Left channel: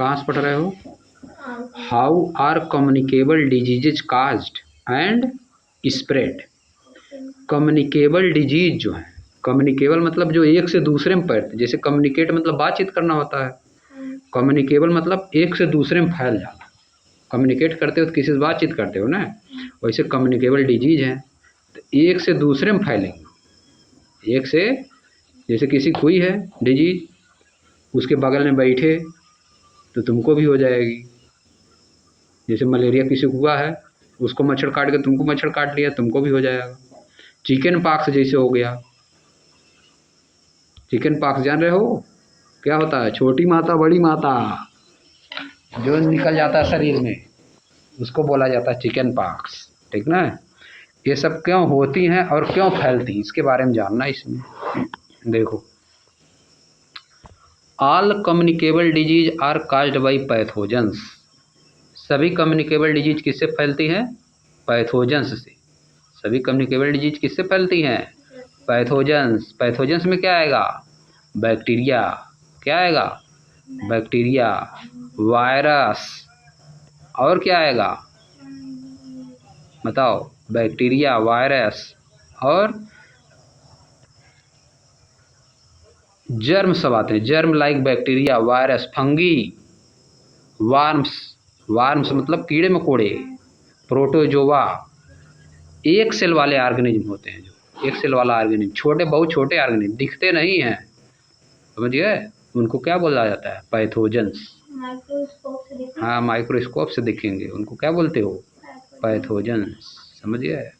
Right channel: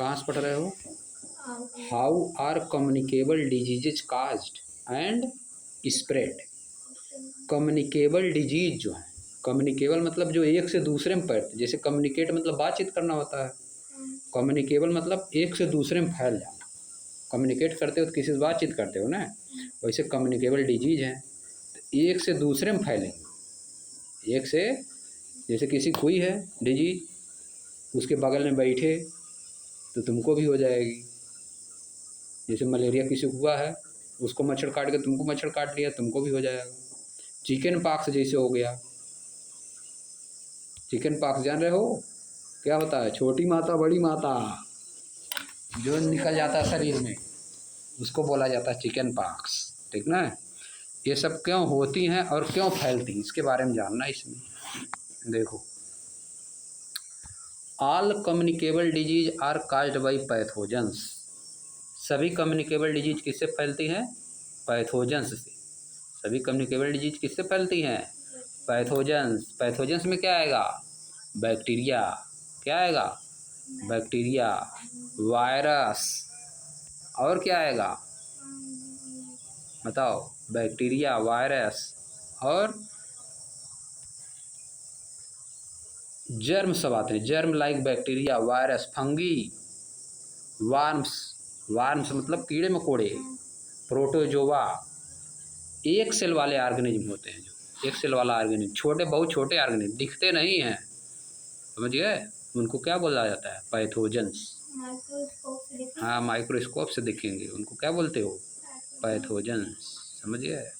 कहाँ से पढ़ रहे हो? How are communicable diseases caused and spread. Communicable disease जो है, कम्युनिकेबल मतलब जो एक से दूसरे में फैलते, जैसे कम्युनिकेट मतलब बातचीत करना होता है, कम्युनिकेबल मतलब एक से दूसरे में फैल जाना। कम्युनिकेट करते हो तो किसी से बातचीत करते हो ना, वैसे कम्युनिकेबल डिजीज है तो एक से दूसरे में फैलेंगे। एक से, जैसे किसी को हुई है डिजीज, उसके बगल में बैठे तो तुमको भी हो जाएगी। जैसे मलेरिया किसी को हुआ है, उसको मच्छर काट के तुमको मच्छर काट लिया, तुमको भी हो जाएगा। चिकन पॉक्स जैसे हो गया। चिकन पॉक्स जान रहे हो क्या होता है? छोटी माता बड़ी माता जो निकल जाता है शरीर में, उसको बोला जाता है चिकन पॉक्स। ठीक ना? ये सब क्यों होती हैं और क्यों फैलती हैं, इसके बारे में जानना है इसमें। देखो, all communicable disease are caused by pathogens. सभी कम्युनिकेबल डिजीज किससे फैलती हैं? पैथोजेंस से। सभी कम्युनिकेबल डिजीज किससे फैलती हैं? पैथोजेंस। पैथोजेंस में क्या आएगा? बैक्टीरिया। क्या आएगा? बैक्टीरिया, वायरस, और क्या आएगा बताओ? बैक्टीरिया, वायरस और जर्म सब आते हैं। Germ like bacteria, virus, fungi, warms. Warms मतलब कीड़े मकोड़े, प्रोटोजोआ। एक सेल वाले ऑर्गेनिज्म होते हैं, जो एक सेल वाला ऑर्गेनिज्म, छोटे बहुत छोटे ऑर्गेनिज्म, दिखते नहीं हैं, समझिए, उनको क्या बोला जाता है? पैथोजेंस। हाँ, माइक्रोस्कोप से दिखेंगे, उनको क्या बोलते हो? पैथोजेंस। समझिए,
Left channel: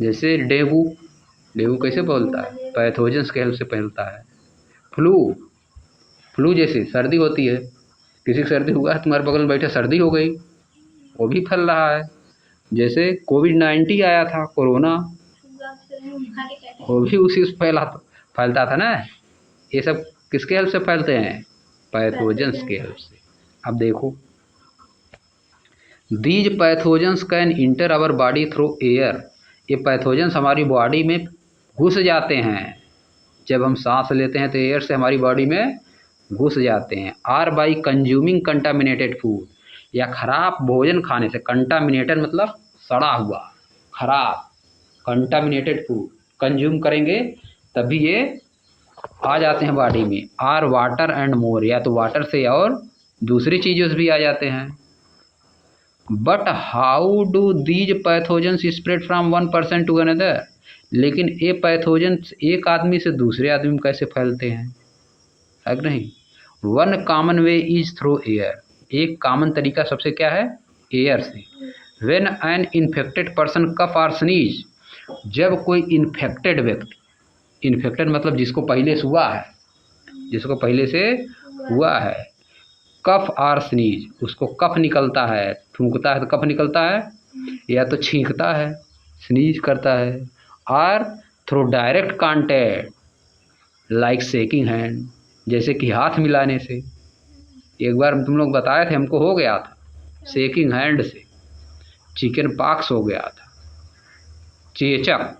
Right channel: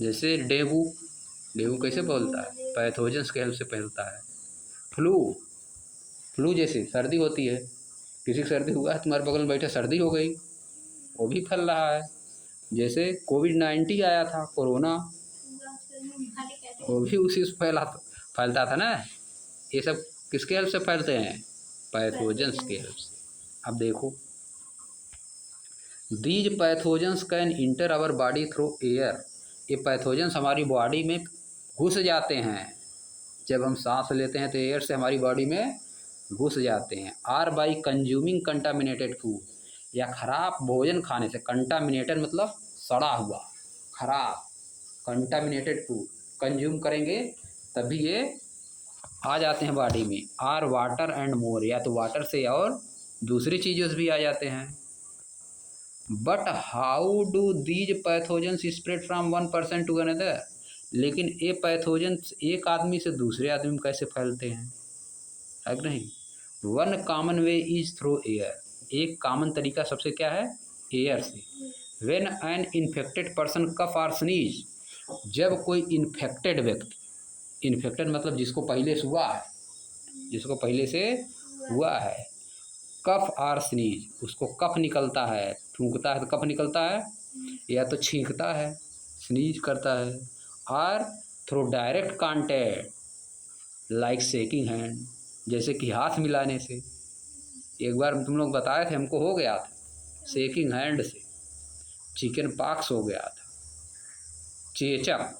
जैसे डेंगू। डेंगू कैसे फैलता है? पैथोजेंस के हेल्प से फैलता है। फ्लू। फ्लू जैसे सर्दी होती है, किसी की सर्दी हुआ है, तुम्हारे बगल में बैठे सर्दी हो गई, वो भी फैल रहा है। जैसे कोविड-19 आया था, कोरोना, वो भी उसी से फैलता था ना। ये सब किसके हेल्प से फैलते हैं? पैथोजेंस के हेल्प से। अब देखो, these pathogens can enter our body through air. ये पैथोजेंस हमारी बॉडी में घुस जाते हैं। जब हम सांस लेते हैं तो एयर से हमारी बॉडी में घुस जाते हैं। Or by consuming contaminated food, या खराब भोजन खाने से। कंटामिनेटेड मतलब सड़ा हुआ, खराब। कंटामिनेटेड फूड कंज्यूम करेंगे तभी ये आ जाते हैं बॉडी में। आर वाटर एंड मोर, या तो वाटर से और दूसरी चीज़ों से भी आ जाते हैं। But how do these pathogens spread from one person to another. लेकिन ये पैथोजेंस एक आदमी से दूसरे आदमी में कैसे फैलते हैं, है कि नहीं? One common way is through air. एक कॉमन तरीका सबसे क्या है? एयर से। व्हेन एन इन्फेक्टेड पर्सन कफ और स्नीज, जब कोई इन्फेक्टेड व्यक्ति, इन्फेक्टेड मतलब जिसको पहले से हुआ है, जिसको पहले से हुआ है, कफ और स्नीज, उसको कफ निकलता है, थूकता है तो कफ निकलता है, या तो छींकता है, स्नीज करता है, और through direct contact like shaking hand, जैसे कि हाथ मिलाने से। एक बार तुम लोग बताए थे, हमको हो गया था शेकिंग हैंड से, चिकन पॉक्स हो गया था, चेचक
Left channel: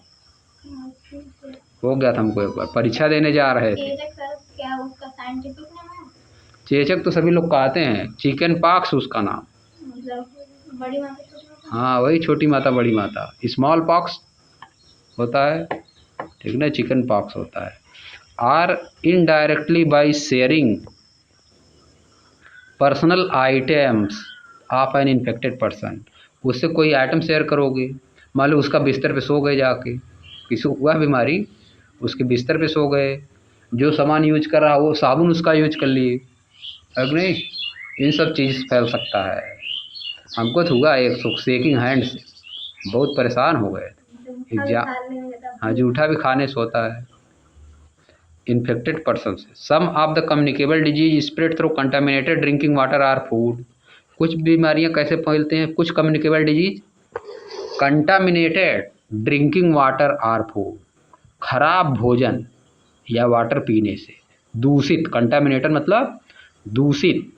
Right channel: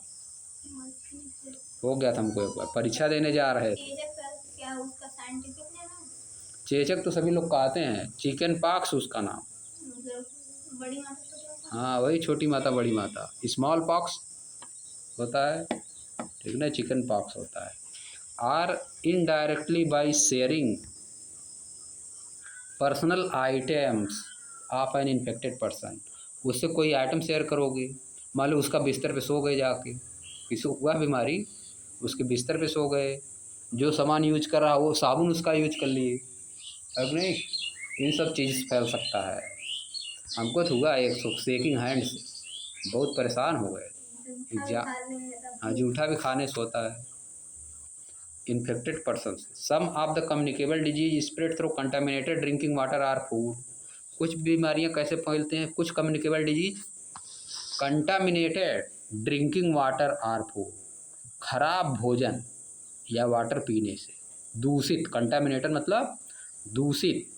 हो गया था हमको, एक बार परीक्षा देने जा रहे थे। चेचक तो सभी लोग कहते हैं, चिकन पॉक्स उसका नाम। हाँ, वही छोटी माता बड़ी माता, स्मॉल पॉक्स होता है, ठीक ना, चिकन पॉक्स होता है। Or indirectly by sharing personal items of an infected person. उससे कोई आइटम शेयर करोगे, मान लो उसका बिस्तर पे सो गए जाके, किसी को हुआ बीमारी, उसके बिस्तर पे सो गए, जो सामान यूज कर रहा वो साबुन उसका यूज कर लिए, अगर नहीं, इन सब चीज़ फैल सकता है। हमको तो हुआ एक शेकिंग हैंड से, बहुत परेशान हो गए। हाँ, जूठा भी खाने से होता है इन्फेक्टेड पर्सन से। Some of the communicable disease spread through contaminated drinking water or food. कुछ बीमारियां कैसे फैलते हैं? कुछ communicable disease contaminated drinking water or food, खराब भोजन या वाटर पीने से। दूषित, कंटामिनेटेड मतलब दूषित,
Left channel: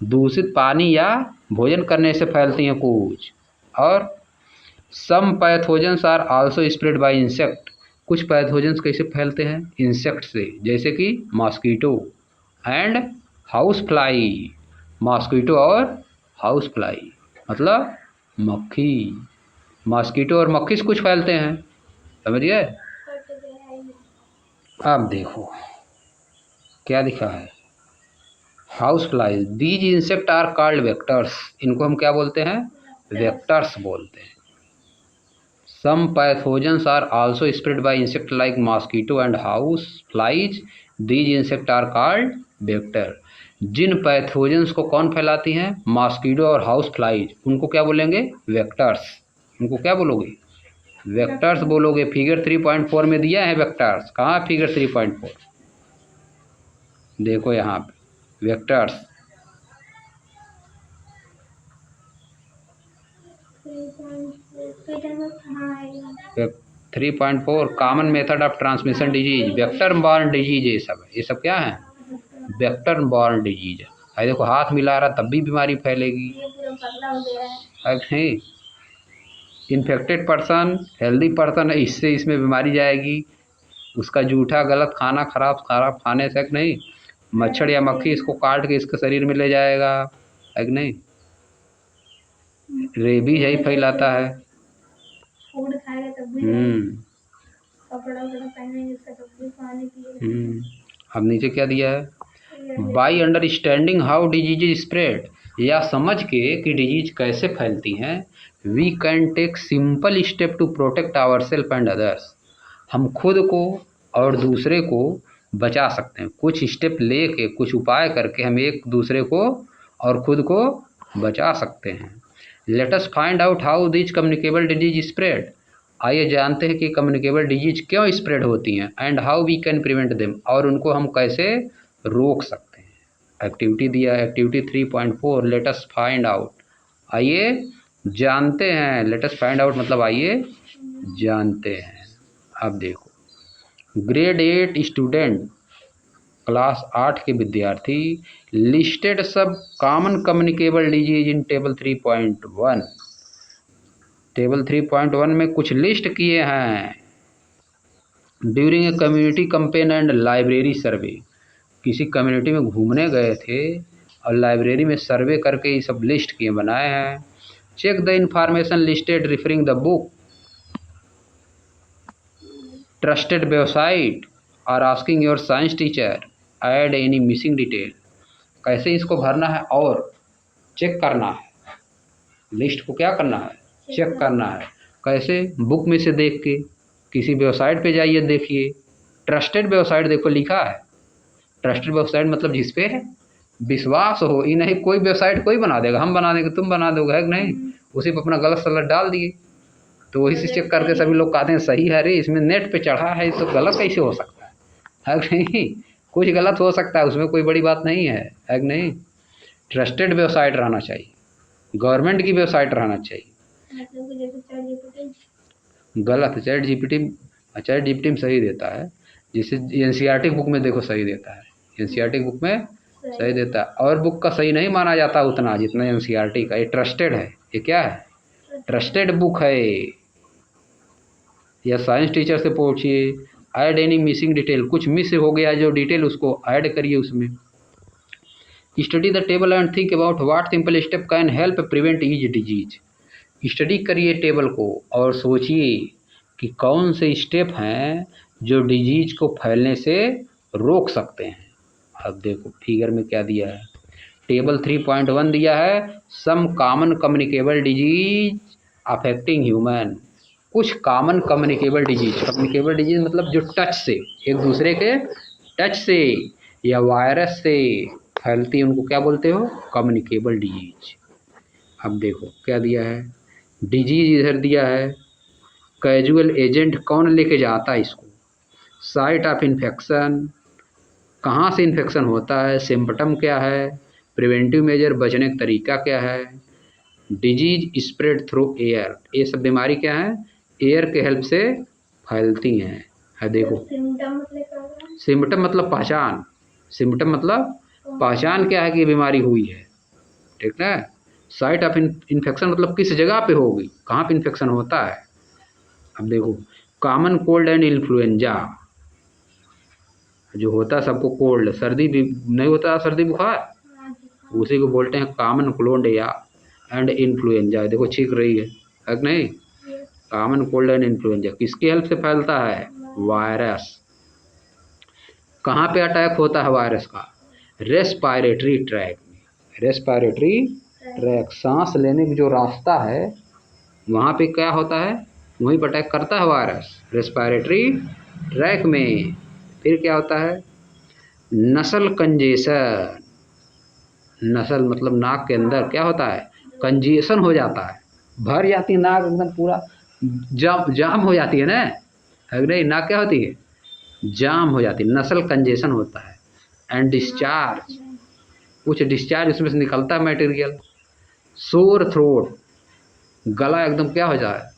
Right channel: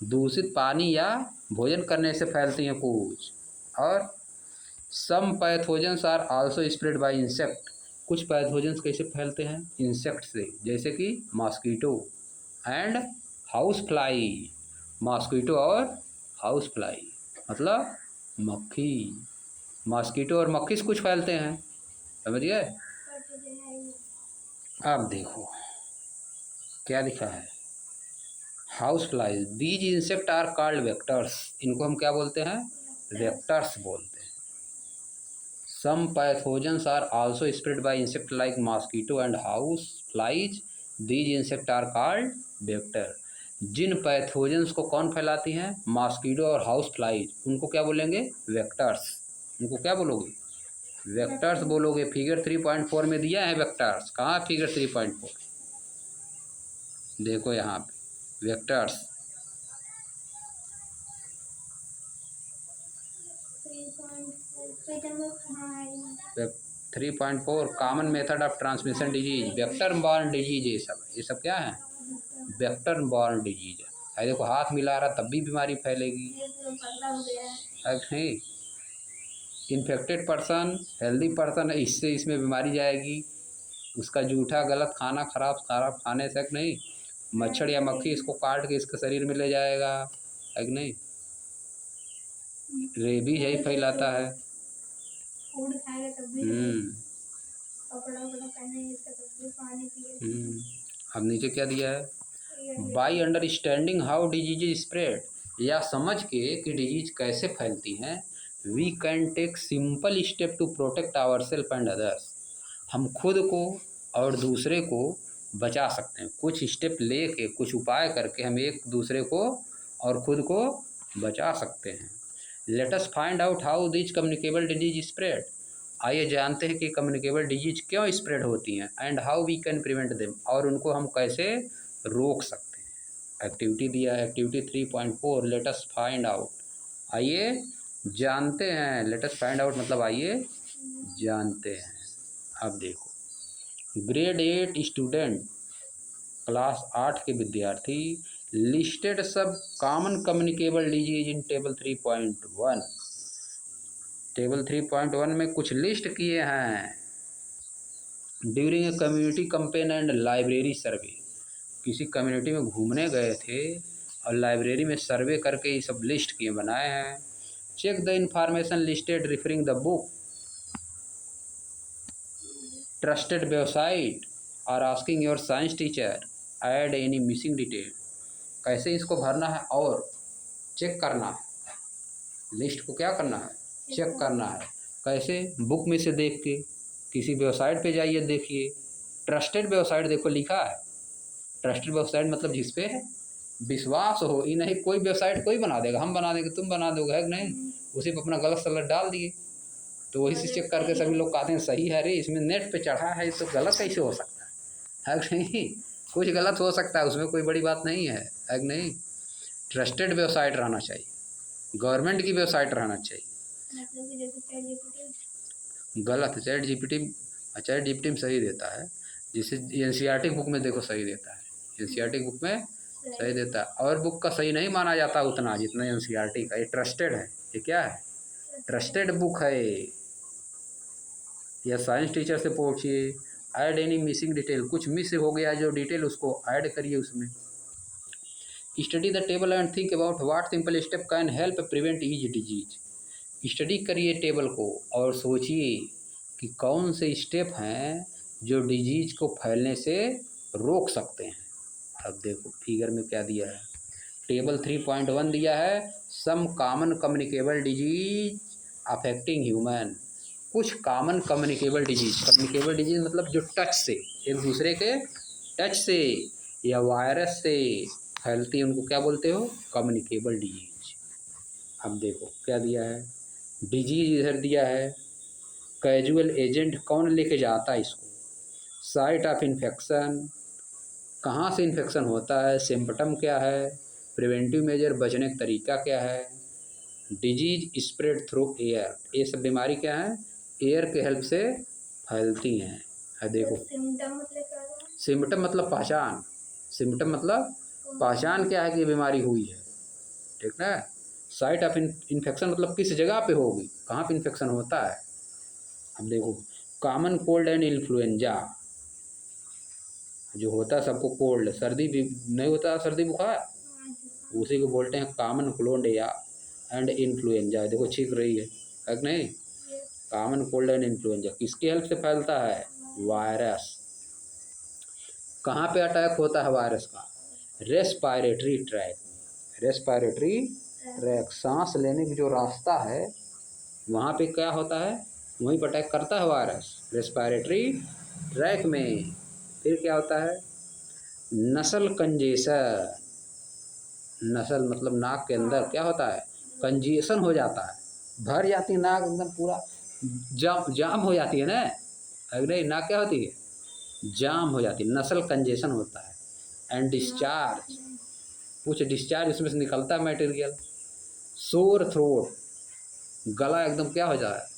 दूषित पानी या भोजन करने से फैलती हैं कुछ। और some pathogens are also spread by insect. कुछ पैथोजेंस कैसे फैलते हैं? इंसेक्ट से, जैसे कि mosquito, and house fly, mosquito और हाउस फ्लाई मतलब मक्खी। मॉस्किटो और मक्खी से कुछ फैलते हैं, समझ गए। अब देखो क्या लिखा है, house flies these insect are called vectors, इनको हम क्या बोलते हैं, वेक्टर्स बोलते हैं। Some pathogens are also spread by insect like mosquito and house flies, these insect are called vector. जिन पैथोजेंस को कौन फैलाती हैं, मॉस्किटो और हाउस फ्लाइज, उनको क्या बोलेंगे, वेक्टर्स। उनको क्या बोलोगे, वेक्टर्स बोलोगे। फिगर 3.4 में दिया है वेक्टर्स, कहाँ फिगर 3.4, देखो यहाँ पे vectors. 3.4 common method of transmission disease, vector borne disease, ये सब क्या है, वेक्टर बॉर्न डिजीज है। देखो हाथ मिला रहा तब भी बीमारी फैलेगी, है नहीं। इन्फेक्टेड पर्सन हेल्दी पर्सन है, इससे इसमें बीमारी जाएगी, उसका जूठा गलत खाना खराब खराब खाने से नहीं, मच्छर या मक्खी इसको काट के इसके शरीर में ले जाएगा, है कि नहीं। रेबीज यही फैलाता है। फूड खाएगा तब भी कपड़ा पहनेंगे तब भी पानी पिएगा। अब नीचे क्या दिया है, by understanding how disease spread, या समझ के कि डिजीज कैसे फैलती हैं, we can take simple step to protect our self and others, हम खुद को और दूसरे को बचा सकते हैं। कुछ स्टेप लेके, कुछ उपाय करके हम एक दूसरे को और खुद को बचा सकते हैं। Let us find out how this communicable disease spread, आइए जानते हैं कि कम्युनिकेबल डिजीज क्यों स्प्रेड होती हैं, and how we can prevent them, और उनको हम कैसे रोक सकते हैं। एक्टिविटी दिया है, activity 3.4, let us find out, आइए जानते हैं। लेट अस फाइंड आउट मतलब आइए जानते हैं। अब देखो ग्रेड 8 स्टूडेंट, क्लास 8 के विद्यार्थी, लिस्टेड सब common communicable disease in table 3.1, table 3.1 में कुछ लिस्ट किए हैं। During a community campaign and library survey, किसी कम्युनिटी में घूमने गए थे और लाइब्रेरी में सर्वे करके ये सब लिस्ट किए बनाए हैं। Check the information listed referring the book, trusted website और asking your science teacher, add any missing detail. कैसे इसको भरना है और चेक करना है, लिस्ट को क्या करना है, चेक करना है। कैसे, बुक में से देख के, किसी वेबसाइट पे जाइए देखिए, ट्रस्टेड वेबसाइट देखो लिखा है, ट्रस्टेड वेबसाइट मतलब जिस पे विश्वास हो, ये नहीं कोई वेबसाइट कोई बना देगा, हम बना देंगे तुम बना दोगे, है कि नहीं, उसी पर अपना गलत सलत डाल दिए, तो वही से चेक करके सभी लोग कहते हैं सही है, अरे इसमें नेट पे चढ़ा है तो गलत कैसे हो सकता है कि नहीं, कुछ गलत हो सकता है, उसमें कोई बड़ी बात नहीं है कि नहीं। ट्रस्टेड वेबसाइट रहना चाहिए, गवर्नमेंट की वेबसाइट रहना चाहिए। गलत, चैट जीपीटी में सही देता है, जिसे एनसीईआरटी बुक में देखो सही देता है, एनसीईआरटी बुक में सही देता है, और बुक का सही नहीं माना जाता उतना जितना एनसीईआरटी का। ये ट्रस्टेड है, ये क्या है, ट्रस्टेड बुक है। या साइंस टीचर से पूछिए, ऐड एनी मिसिंग डिटेल, कुछ मिस हो गया जो डिटेल उसको ऐड करिए उसमें। Study the table and think about what simple step can help prevent each disease, study करिए टेबल को और सोचिए कि कौन से स्टेप हैं जो डिजीज को फैलने से रोक सकते हैं। अब देखो फिगर में क्या दिया है, टेबल 3.1 दिया है, some common communicable disease affecting human, कुछ कॉमन कम्युनिकेबल डिजीज मतलब जो टच से, एक दूसरे के टच से या वायरस से फैलती है, उनको क्या बोलते हो, कम्युनिकेबल डिजीज। अब देखो क्या दिया है, डिजीज इधर दिया है, कैजुअल एजेंट कौन लेके जाता है इसको, साइट ऑफ इन्फेक्शन कहाँ से इन्फेक्शन होता है, सिम्पटम क्या है, प्रिवेंटिव मेजर बचने का तरीका क्या है, डिजीज स्प्रेड थ्रू एयर, ये सब बीमारी क्या है, एयर के हेल्प से फैलती हैं। है देखो सिम्पटम मतलब पहचान, सिम्पटम मतलब पहचान क्या है कि बीमारी हुई है, ठीक है। साइट ऑफ इन्फेक्शन मतलब किस जगह पे होगी, कहाँ पे इन्फेक्शन होता है। अब देखो कॉमन कोल्ड एंड इन्फ्लुएंजा, जो होता है सबको कोल्ड, सर्दी भी नहीं होता, सर्दी बुखार, उसी को बोलते हैं कॉमन कोल्ड या एंड इन्फ्लुएंजा। देखो छींक रही है कि नहीं? कॉमन कोल्ड एंड इन्फ्लुएंजा किसकी हेल्प से फैलता है? वायरस। कहाँ पे अटैक होता है वायरस का? रेस्पायरेटरी ट्रैक में। रेस्पायरेटरी ट्रैक, सांस लेने का जो रास्ता है वहाँ पे क्या होता है? वहीं पर अटैक करता है वायरस, रेस्पायरेटरी ट्रैक में। फिर क्या होता है? नसल कंजेशन। नसल मतलब नाक के अंदर क्या होता है? कंजेशन हो जाता है, भर जाती है नाक एकदम, पूरा जाम हो जाती है ना, है नहीं? नाक क्या होती है? जाम हो जाती है, नसल कंजेशन होता है। एंड डिस्चार्ज, कुछ डिस्चार्ज उसमें से निकलता है मटेरियल। सोर थ्रोट, गला एकदम क्या हो जाता है?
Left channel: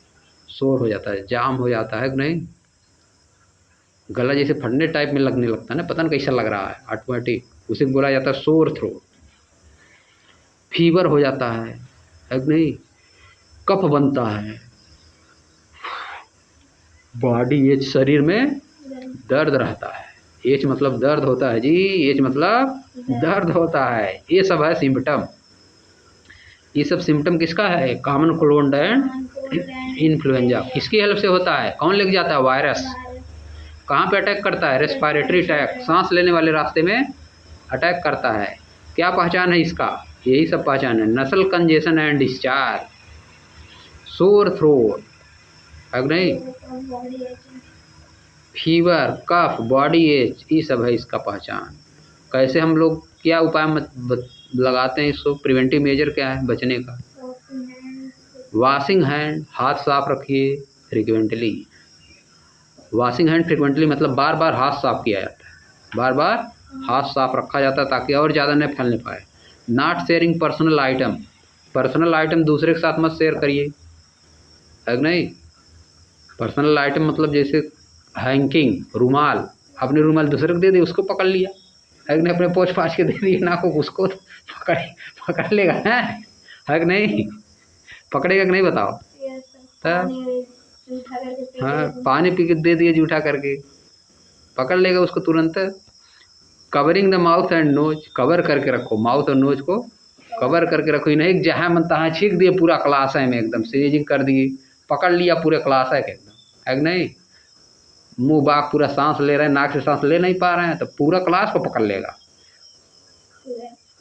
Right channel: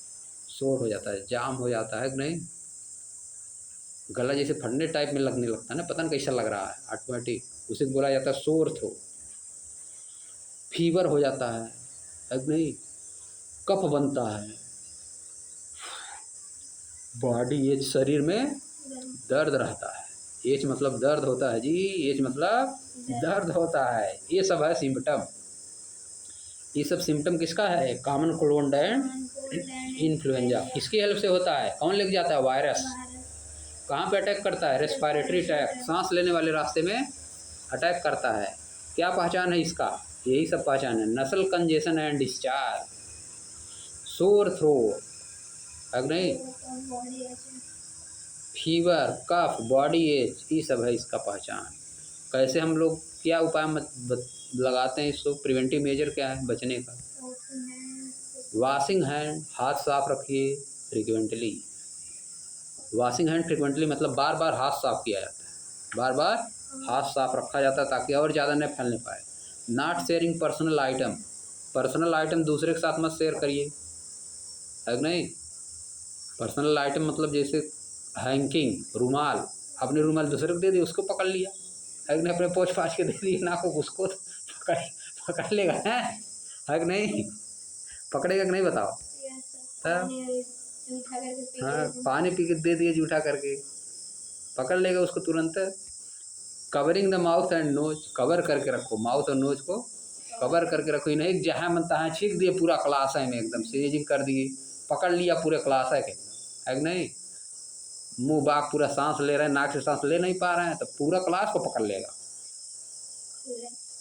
सोर हो जाता है, जाम हो जाता है कि नहीं? गला जैसे फटने टाइप में लगने लगता है ना, पता नहीं कैसा लग रहा है ऑटोमेटिक, उसे बोला जाता है सोर थ्रोट। फीवर हो जाता है कि नहीं? कफ बनता है, बॉडी एज, शरीर में दर्द रहता है। एच मतलब दर्द होता है जी, एच मतलब दर्द होता है। ये सब है सिम्टम। ये सब सिम्टम किसका है? Common cold and influenza. किसकी हेल्प से होता है? कौन लेके जाता है? वायरस। कहाँ पे अटैक करता है? रेस्पायरेटरी अटैक, सांस लेने वाले रास्ते में अटैक करता है। क्या पहचान है इसका? यही सब पहचान है, नसल congestion and discharge, sore throat, है नहीं? फीवर, कफ, बॉडी एच, ये सब है इसका पहचान। कैसे हम लोग क्या उपाय लगाते हैं इसको? प्रिवेंटिव मेजर क्या है बचने का? वॉशिंग हैंड, हाथ साफ रखिए फ्रिक्वेंटली। वॉशिंग हैंड फ्रिक्वेंटली मतलब बार बार हाथ साफ किया जाता है, बार बार हाथ साफ रखा जाता है ताकि और ज़्यादा नहीं फैलने पाए। Not sharing personal item, personal item दूसरे के साथ मत शेयर करिए, है नहीं? पर्सनल आइटम मतलब जैसे हैंकिंग, रुमाल, अपने रुमाल दूसरे को दे दिए, उसको पकड़ लिया, है नहीं? अपने पोंछ पाछ के दे दिए ना को, उसको पकड़ पकड़ लेगा, है कि नहीं? पकड़ेगा कि नहीं बताओ? तब हाँ, पानी पी के दे दिए जूठा करके, पकड़ लेगा उसको तुरंत। Covering the mouth and nose, cover करके रखो, माउथ और नोज को कवर करके रखो। नहीं जहाँ मन तहाँ छींक दिए पूरा क्लास है में, एकदम सीजिंग कर दिए, पकड़ लिया पूरे क्लास है के एकदम, है कि नहीं? मुंह बाग पूरा सांस ले रहे हैं, नाक से सांस ले नहीं पा रहे हैं तो पूरा क्लास को पकड़ लेगा।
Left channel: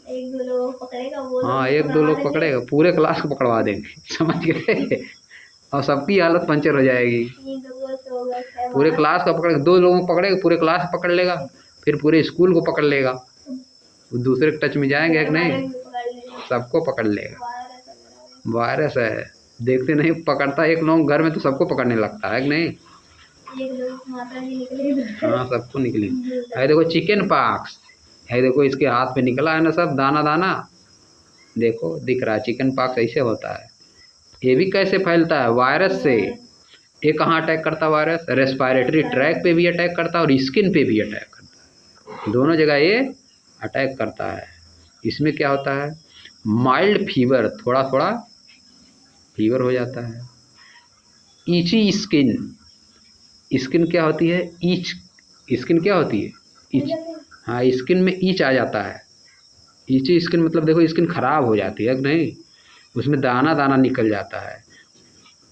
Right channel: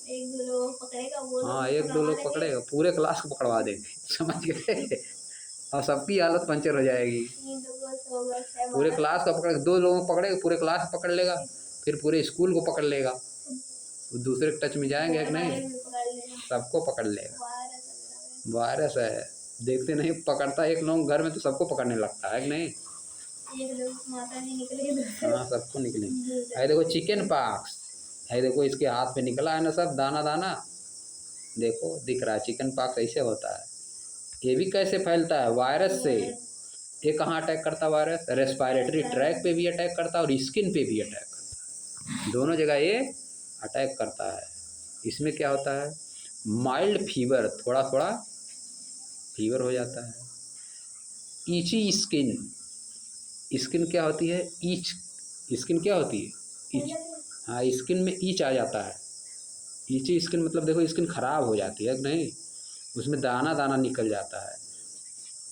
एक दो लोग पकड़ेगा, वो हाँ, एक दो लोग पकड़ेगा, पूरे क्लास को पकड़वा देंगे, समझ गए? और सबकी हालत पंचर हो जाएगी। पूरे क्लास को पकड़, दो लोगों को पकड़ेगा, पूरे क्लास को पकड़ लेगा, फिर पूरे स्कूल को पकड़ लेगा। दूसरे के टच में जाएंगे कि नहीं? सबको पकड़ लेगा। वायरस है, देखते नहीं, पकड़ता एक लोग घर में तो सबको पकड़ने लगता है कि नहीं? हाँ, सबको निकली है। देखो चिकन पॉक्स है, देखो इसके हाथ पे निकला है ना सब दाना दाना, देखो दिख रहा है। चिकन पॉक्स ऐसे होता है। ये भी कैसे फैलता है? वायरस से। ये कहाँ अटैक करता है वायरस? रेस्पायरेटरी ट्रैक पे भी अटैक करता है और स्किन पे भी अटैक करता है, दोनों जगह ये अटैक करता है। इसमें क्या होता है? माइल्ड फीवर, थोड़ा थोड़ा फीवर हो जाता है। ईची स्किन, स्किन क्या होती है? ईच, स्किन क्या होती है? ईच। हाँ, स्किन में ईच आ जाता है। ईची स्किन मतलब देखो स्किन खराब हो जाती है कि नहीं? उसमें दाना दाना निकल जाता है,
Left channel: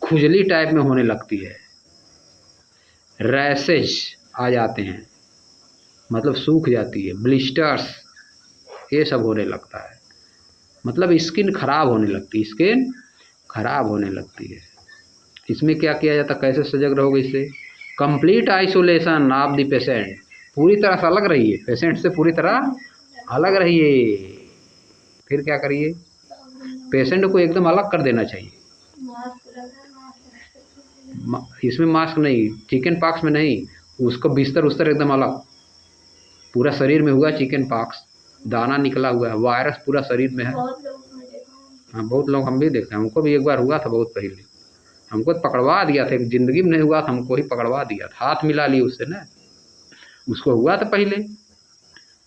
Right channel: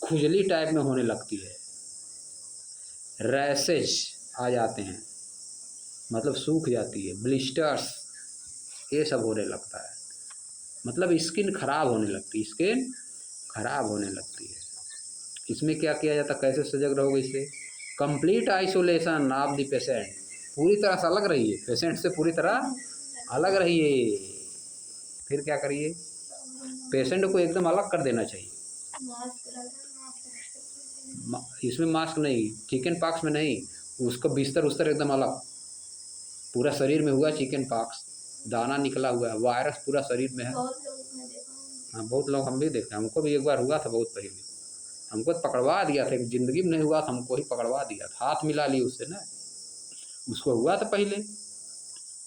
खुजली टाइप में होने लगती है, रैशेज आ जाते हैं, मतलब सूख जाती है, ब्लिस्टर्स, ये सब होने लगता है। मतलब स्किन खराब होने लगती है, स्किन खराब होने लगती है। इसमें क्या किया जाता है? कैसे सजग रहोगे इससे? Complete isolation of the patient, पूरी तरह से अलग रहिए, पेशेंट से पूरी तरह अलग रहिए। फिर क्या करिए? पेशेंट को एकदम अलग कर देना चाहिए। इसमें मास्क नहीं, चिकन पॉक्स में नहीं, उसको बिस्तर उस्तर एकदम अलग, पूरा शरीर में हुआ चिकन पॉक्स, दाना निकला हुआ है, वायरस पूरा शरीर में है। हाँ, बहुत लोग हम भी देखे, हमको भी एक बार हुआ था बहुत पहले, हमको तो पकड़वा दिया था, एक जिंदगी में नहीं हुआ था, हमको ही पकड़वा दिया था, हाथ मिला लिए उससे ना, उसको हुआ था पहले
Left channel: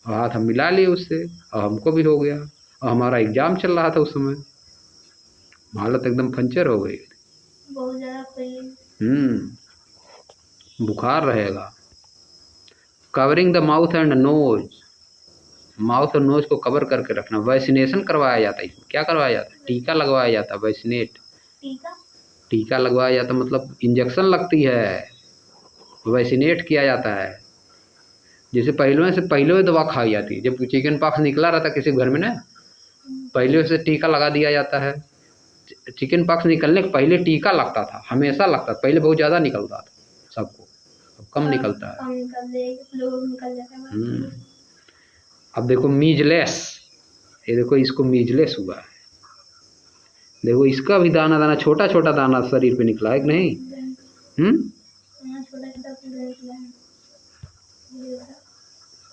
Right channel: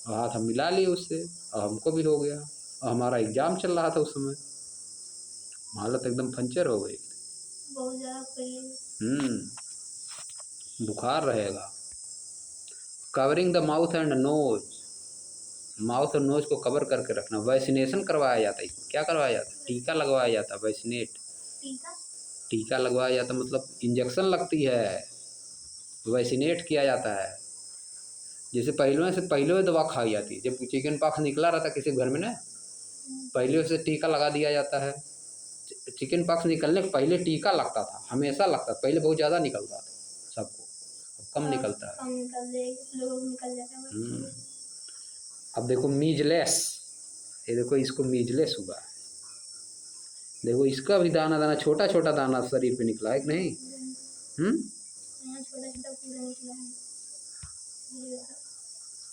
और हाथ हम मिला लिए उससे और हमको भी हो गया, और हमारा एग्जाम चल रहा था उस समय, हालत एकदम पंचर हो गई। बुखार रहेगा, covering the mouth and nose, mouth और नोज को कवर करके रखना। वैक्सीनेशन करवाया जाता है, इसमें क्या करवाया जाता है? टीका लगवाया जाता है। वैक्सीनेट, टीका लगवाया जाता है मतलब इंजेक्शन लगती है, वैक्सीनेट किया जाता है। जैसे पहले दवा खाई जाती है, जब चिकन पॉक्स निकला रहता किसी घर में ना, पहले से टीका लगा दिया जाता है। चिकन पॉक्स निकलने के पहले टीका लगता था, हमेशा लगता था। पहले बहुत ज़्यादा निकलता था सबको, अब कम निकलता है। अब देखो मीजलेस, ये देखो इसको मीजलेस हुआ है। देखो इसका भी दाना दाना, छोटा छोटा दाना शरीर पे निकला है कि नहीं?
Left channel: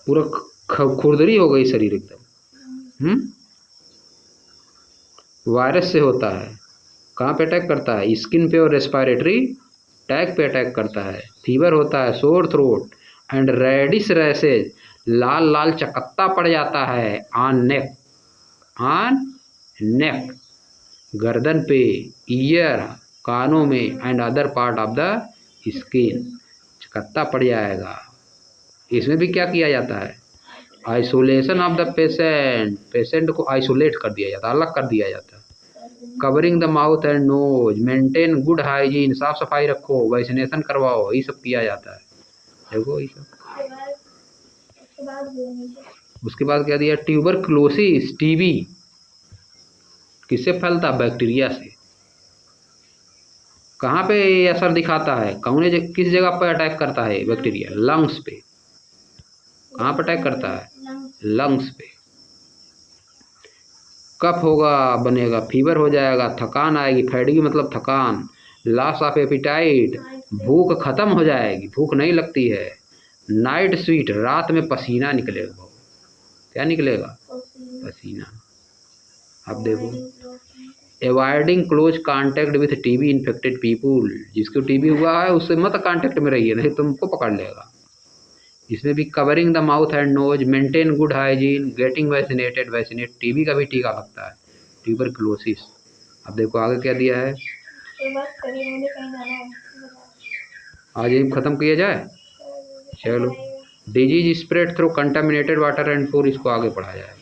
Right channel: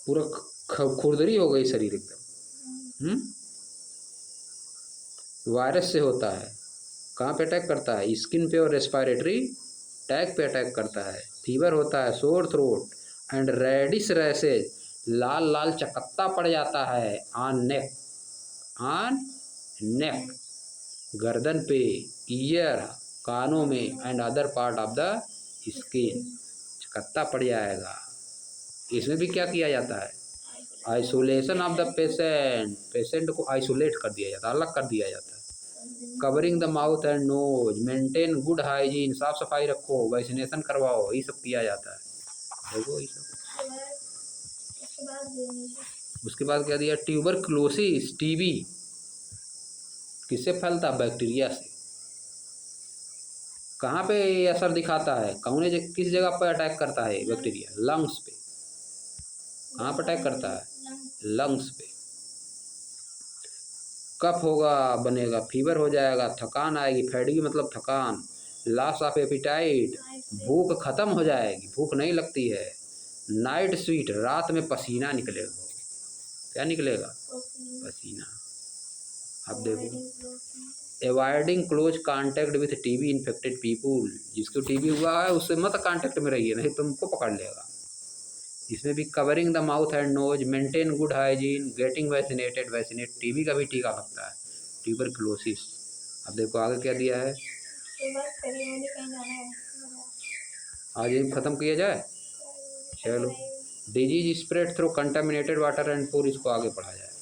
पूरा खुरदरी हो गई शरीर एकदम। वायरस से होता है। कहाँ पे अटैक करता है? स्किन पे और रेस्पिरेटरी टैग पे अटैक करता है। फीवर होता है, sore throat and reddish rashes, लाल लाल चकत्ता पड़ जाता है ऑन नेक, गर्दन पे, ईयर, कानों में and other part of the skin, चकत्ता पड़ जाएगा। इसमें भी क्या किया जाता है? Isolation of the patient, patient को आइसोलेट कर दिया जाता है, अलग कर दिया जाता है। Covering the mouth and nose, maintain good hygiene, साफ सफाई रखो, वैक्सीनेशन करवाओ, ये सब किया जाता है। देखो ये सब। उसके बाद क्या दिया? ट्यूबरक्लोसिस, टीबी किससे फैलता? बैक्टीरिया से। कहाँ पे असर दिखाता है? किस जगह पर अटैक करता है बैक्टीरिया? लंग्स पे। कहाँ पर अटैक करता है? लंग्स पे। कफ होगा, बनेगा, फीवर हो जाएगा, थकान आएगी, फैटिग मतलब थकान, लॉस ऑफ एपिटाइट, भूख खत्म हो जाएगी, भूख नहीं लगती है। नाइट स्वीट, रात में पसीना निकलेगा। क्या निकलेगा? पसीना। अब देखो, avoiding close contact with TB infected people, जिसको टीबी हुआ है उससे मत कांटेक्ट में रहिए, नहीं तुमको पकड़ लेगा। इसमें भी covering the mouth and nose, maintain good hygiene, getting vaccinated, vaccinate, TB का भी टीका लगता है, ट्यूबरक्लोसिस। अब देखो आगे क्या दिया है। आज ये ख़त्म किया जाए, चलो। Disease spread through contaminated water and food, इसको आगे पढ़ा जाए।